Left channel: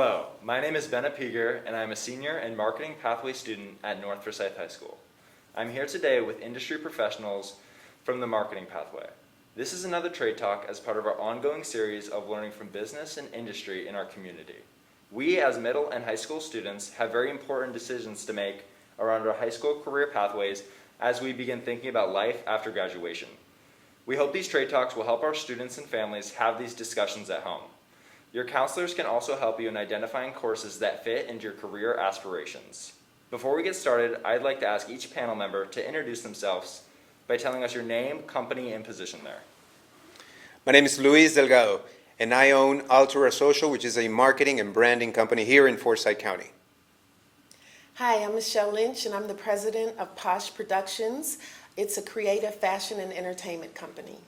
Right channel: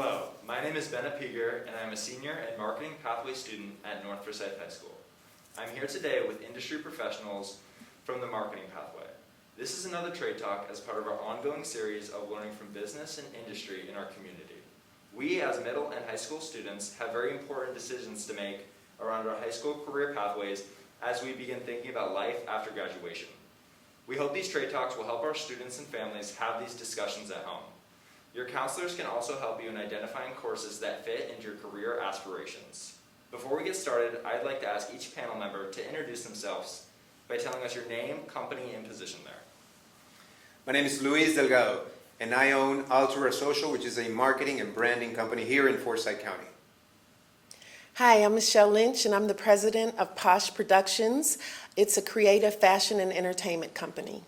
Hello, my name is Ben Apiger, and I'm a senior and marketing pathway student at North Forsyth High School. I'm here today with industry professionals from the marketing pathway. This is another trade talk as part of our ongoing series of learning from business and industry in our community. We, as middle and high school students, have very important decisions to make around our high school career pathways as we begin thinking about life after graduation. We hope these trade talks will help our students and families have these discussions at home. Your counselors can also help you in identifying courses that fit into your career aspirations. Before we get started, I'd like to ask each panel member to introduce themselves by telling us your name, company, and position there. My name is Luis Delgado, and I own Altura Social, which is a marketing and branding company here in Forsyth County. Hi, I'm Michelle Lynch, and I'm the president of Posh Productions. It's a creative fashion and entertainment company.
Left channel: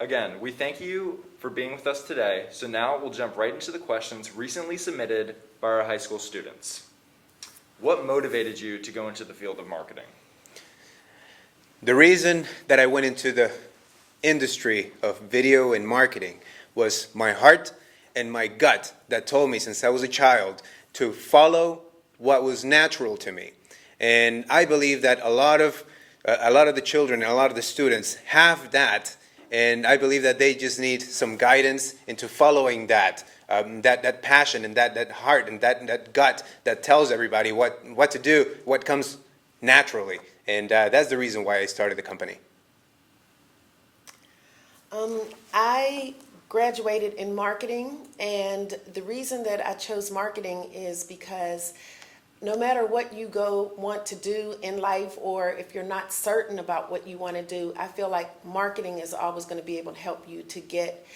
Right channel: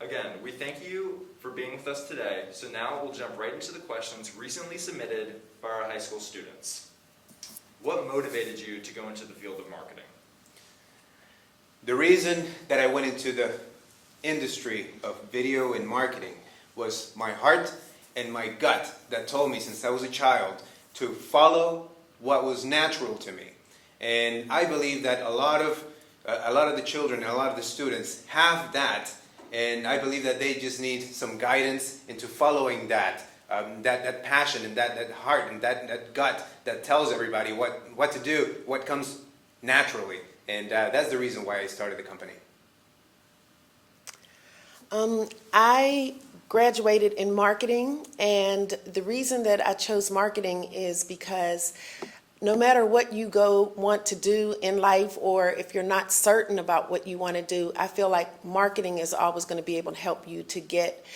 Again, we thank you for being with us today. So now we'll jump right into the questions recently submitted by our high school students. What motivated you to go into the field of marketing? The reason that I went into the industry of video and marketing was my heart and my gut that told me since I was a child to follow what was natural to me. And I believe that a lot of the children and a lot of the students have that, and I believe that they just need some guidance into following that passion and that heart and that gut that tells everybody what to do, what comes naturally. And that's the reason why I started the company. I graduated in marketing, and the reason that I chose marketing is because no matter what you want to do in life, or if you're not certain about what you want to do, I feel like marketing is always going to be able to help you to get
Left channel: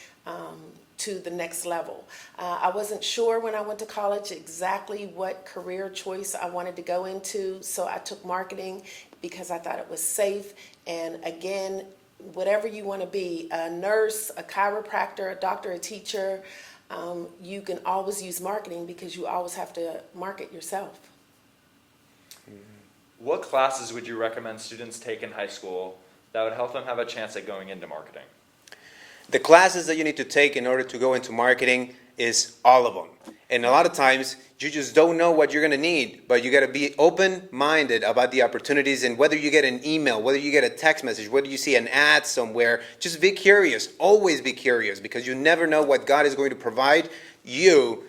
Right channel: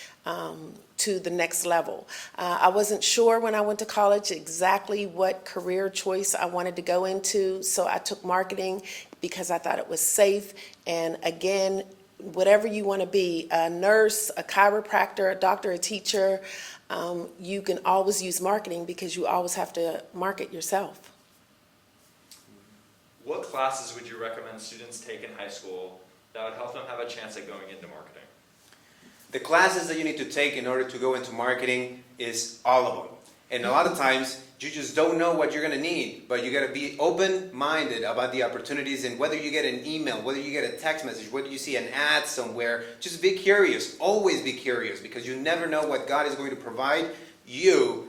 to the next level. I wasn't sure when I went to college exactly what career choice I wanted to go into, so I took marketing because I thought it was safe. And again, whatever you want to be, a nurse, a chiropractor, a doctor, a teacher, you can always use marketing because you always have to market yourself. What classes would you recommend students take in high school that would help them have a chance at going into marketing? The classes that you need to take in order to go into marketing is all of them. And a lot of times you just don't know what you're going to need, but you got to be open-minded about the opportunities, and whether you get an email, whether you get a text message, whether you see an ad somewhere, just be curious. Always be curious, because you never know what God is going to provide you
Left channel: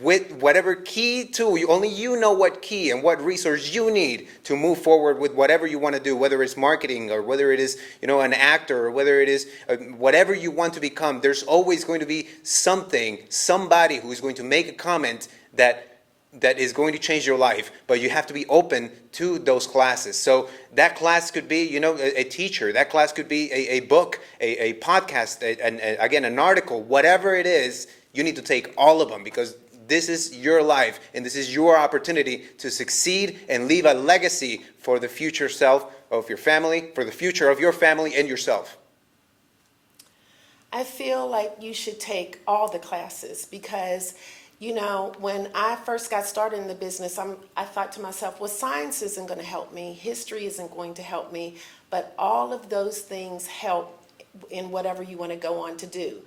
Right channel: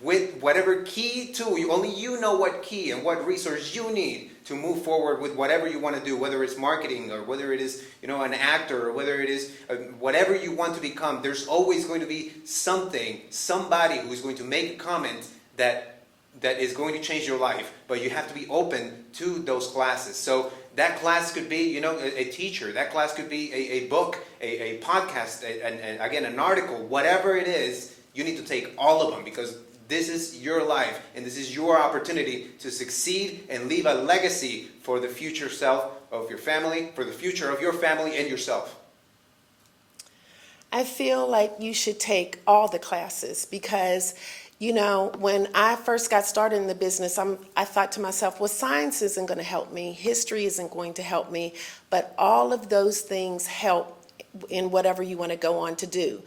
with whatever key tool. Only you know what key and what resource you need to move forward with whatever you want to do, whether it's marketing or whether it is an actor, or whether it is whatever you want to become. There's always going to be somebody who is going to make a comment that is going to change your life, but you have to be open to those classes. So that class could be, a teacher. That class could be a book, a podcast, again, an article. Whatever it is, you need to take all of them, because this is your life, and this is your opportunity to succeed and leave a legacy for the future self of your family, for the future of your family and yourself. I feel like you should take all the classes because, when I first got started in the business, I thought to myself, well, science isn't going to help me, history isn't going to help me, but all of those things help in whatever you want to go on to do.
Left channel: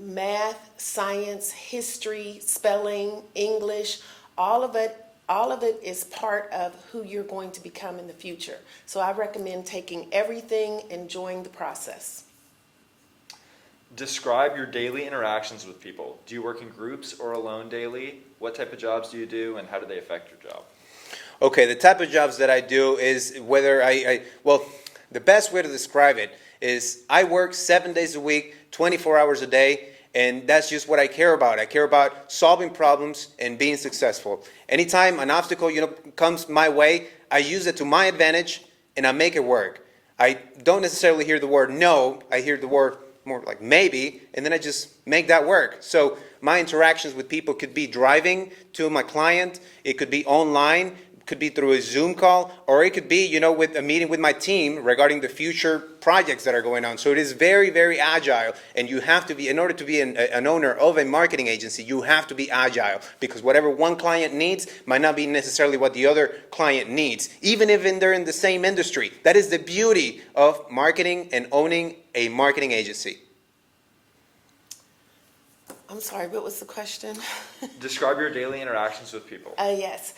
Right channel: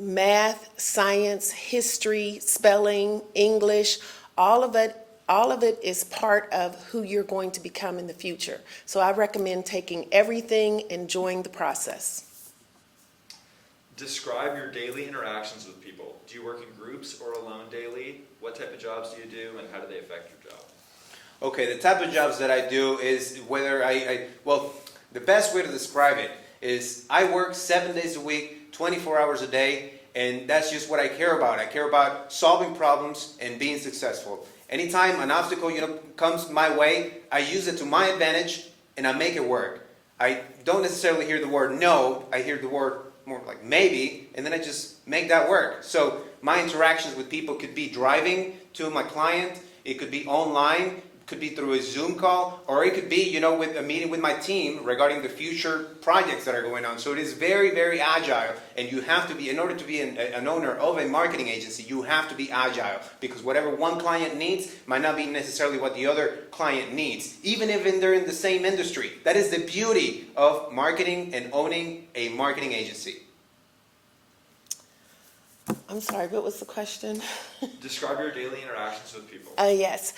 Math, science, history, spelling, English, all of it is part of who you're going to become in the future. So I recommend taking everything, enjoying the process. Describe your daily interactions with people. Do you work in groups or alone daily? What type of jobs do you do, and how do they affect your job? Okay, the type of jobs that I do is whether the best way to describe it is I work 7 days a week, 24 hours a day, and that's just what I care about. I care about solving problems and being successful. Anytime an obstacle, comes my way, I use it to my advantage and I make it work. I don't necessarily hear the word no, I hear the word more like maybe, and then I just make that work. So my interactions with people could be driving to my client, it could be online, could be through a Zoom call, or it could be, with a meeting with my team regarding the future projects that are going on. So it is very, very agile, and you have to be, in order to be an owner of a marketing agency, you have to be agile, because whatever one client needs might not be necessarily what the other client needs, even if they're in the same industry. That is the beauty of marketing and owning a marketing agency. I'm sorry, what was the question? Describe your daily interactions with people. Yes.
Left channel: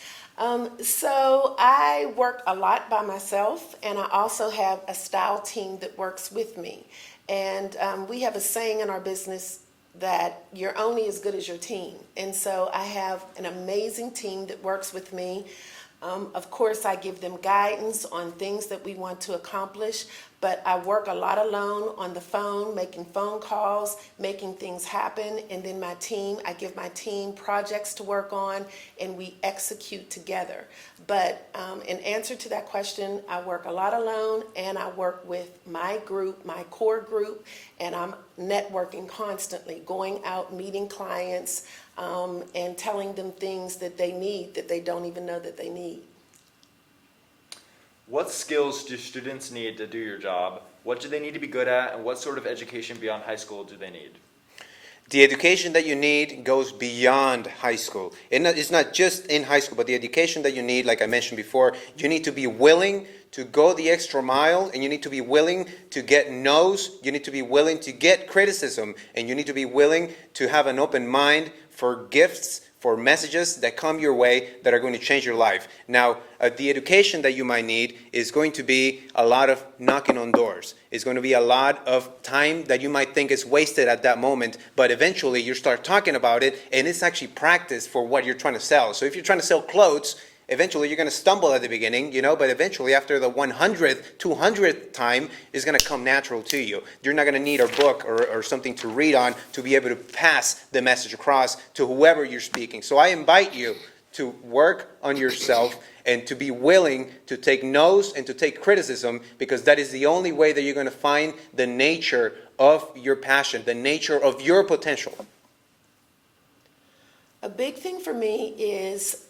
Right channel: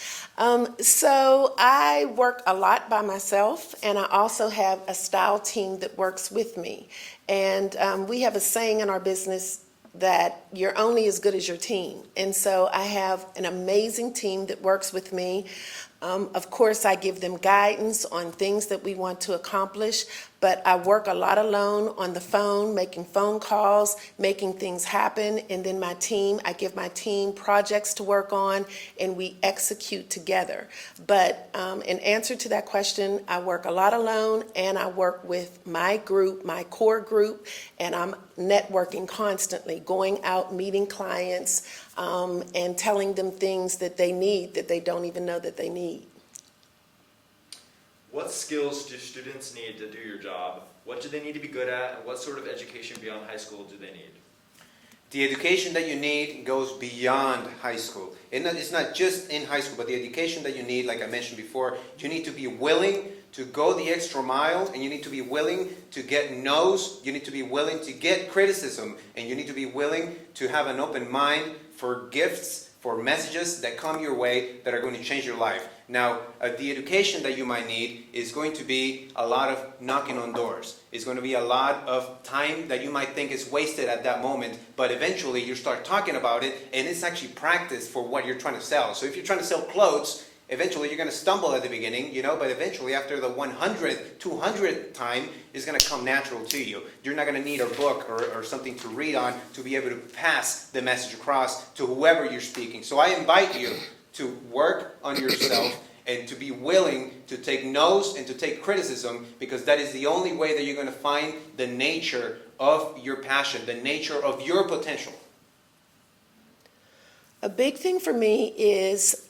So I work a lot by myself, and I also have a style team that works with me. And we have a saying in our business that you're only as good as your team. And so I have an amazing team that works with me. Of course, I give them guidance on things that we want to accomplish, but I work a lot alone on the phone, making phone calls, making things happen, and then I give my team projects to work on, and we execute together. But in answer to that question, I work a lot alone, and I work with my group, my core group, and I'm networking constantly, going out, meeting clients, and telling them things that they need that they don't even know that they need. What skills do students need to do your job? What do they need to be good at, and what sort of education beyond high school do they need? The education that you need goes beyond high school. It's not just in high school, but the education that you need, like I mentioned before, you need to be willing to go the extra mile, and you need to be willing to get no's, you need to be willing to get criticism, and you need to be willing to have an open mind for gifts, for messages that come your way that are going to change your life. Now, the education that you might need is going to be a lot of knocking on doors. It's going to be a lot of time that you might think is wasted at that moment, but eventually you start talking about it, and it's actually practice for what you're trying to sell. So if you're trying to sell clothes, eventually you're going to stumble at the beginning, but eventually after the 100th, 200th time, it's going to come natural to you. You're not going to need a book or something to read on to be able to pass the message across to whoever you're speaking. So I invite you to work on yourself and to be willing to take no's and to take criticism, because that is the only way that you're going to find the nature of your passion, the nature of your potential. A big thing for me is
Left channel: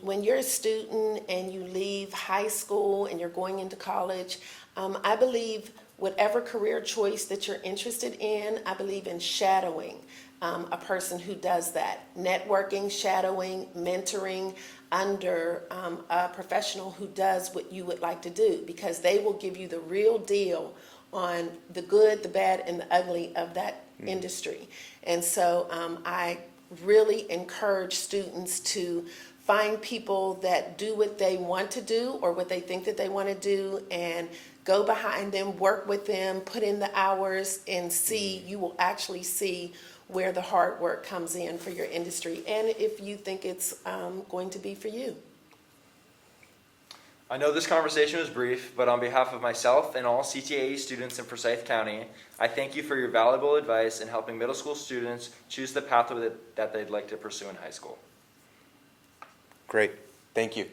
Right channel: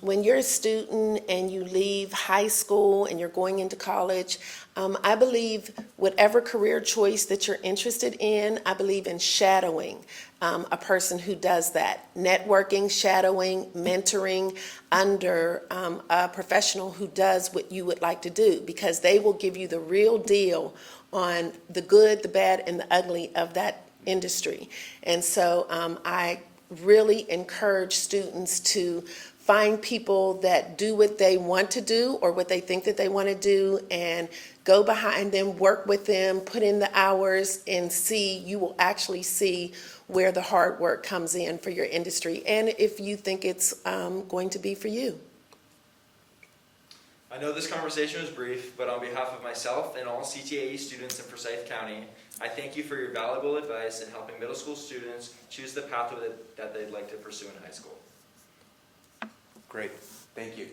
when you're a student and you leave high school and you're going into college, I believe whatever career choice that you're interested in, I believe in shadowing a person who does that. Networking, shadowing, mentoring under a professional who does what you would like to do, because they will give you the real deal on the good, the bad, and the ugly of that industry. And so I really encourage students to find people that do what they want to do or what they think that they want to do, and go behind them, work with them, put in the hours, and you will actually see where the hard work comes in for your industry, and if you think it's going to be for you. I know this conversation was brief, but on behalf of myself and all CTAE students in Forsyth County, I thank you for your valuable advice in helping middle school students choose the pathway that they'd like to pursue in high school. Great. Thank you.